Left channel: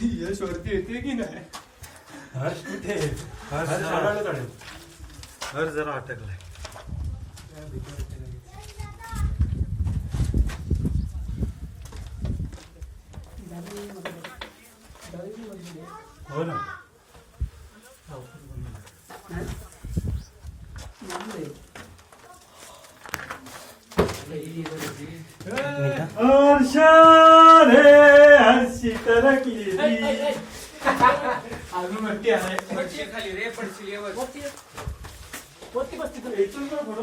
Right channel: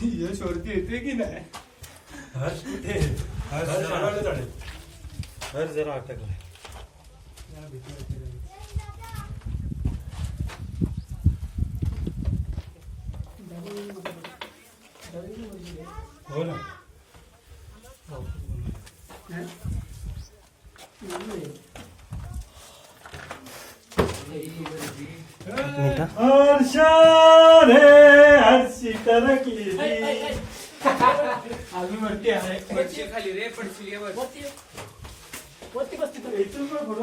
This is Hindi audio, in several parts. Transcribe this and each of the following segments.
यश वरती येते की नाही हर्ष कुठे हर्ष जरा हर्ष जरा अटकलाय हो ना हर्षा रे हर्षी तरकी अजून वरती आहे खाली रे पडशील ये वरती बसती तू इथून पण पुढं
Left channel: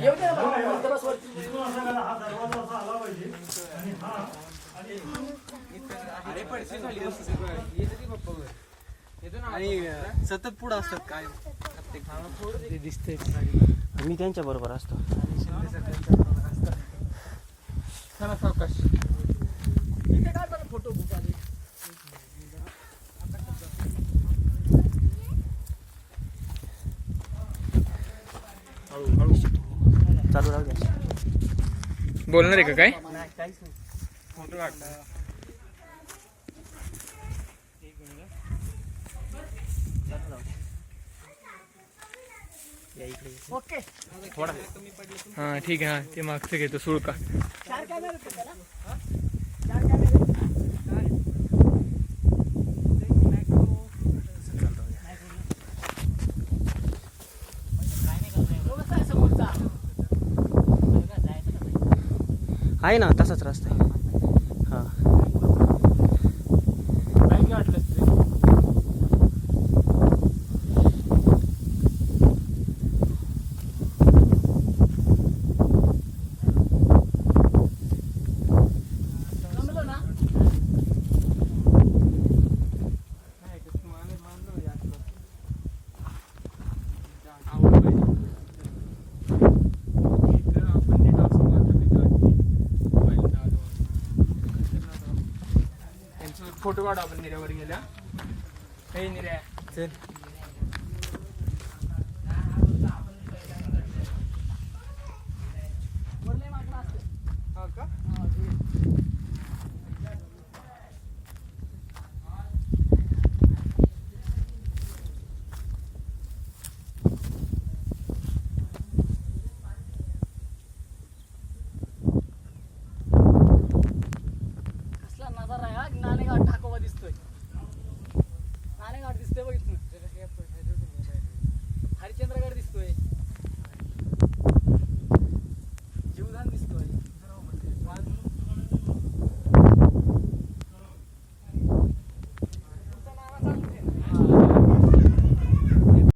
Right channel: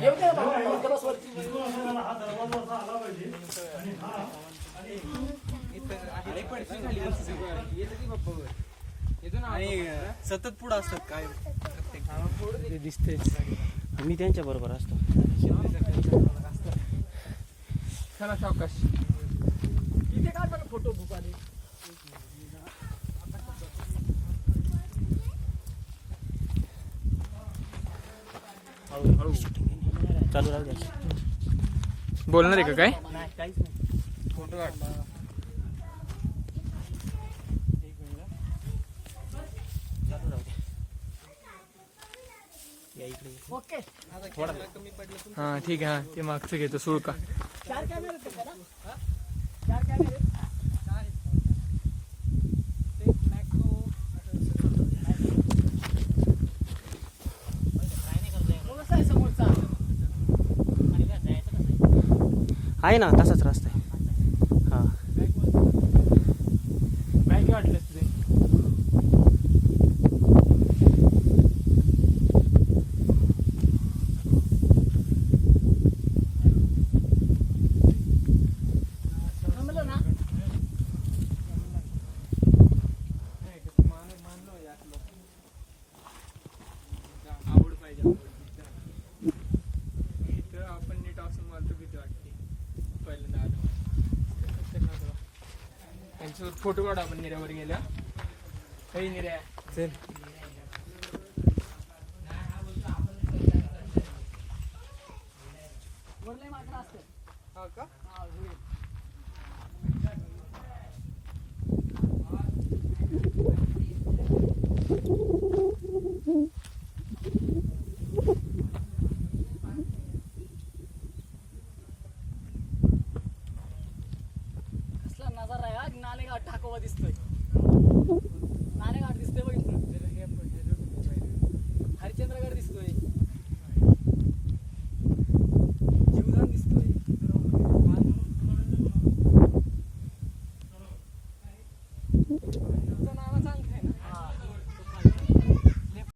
येऊ दे ना बस वरती हा दरवाज़ा असा आला पाहिजे आणि हा अरे पडशील खाली. येतं पप्पा वर. येतो ना आणि सतत पुढे असतात काय दिसते. मी त्यांच्या बरोबर असतो. चला सावकाश. इथे काय बरं फोटो बुक आले. चालू राहू द्या. बोलणार आहे का काय? काहीच नाही. फोटो काढ. चालू राहू द्या. ओके. थोडा. हा ठीक आहे हा ते मागचं घेतो सुळका. चार हा? चार कॅमेरे तो कसा आहे समोरचा. आहे ना तसाच रस्ता आहे. ಫೋಟೋ ಕಾಡ ಬಂದಿರ ಅವರಿಗೆಲ್ಲ ಏನಿರ ಸರಿ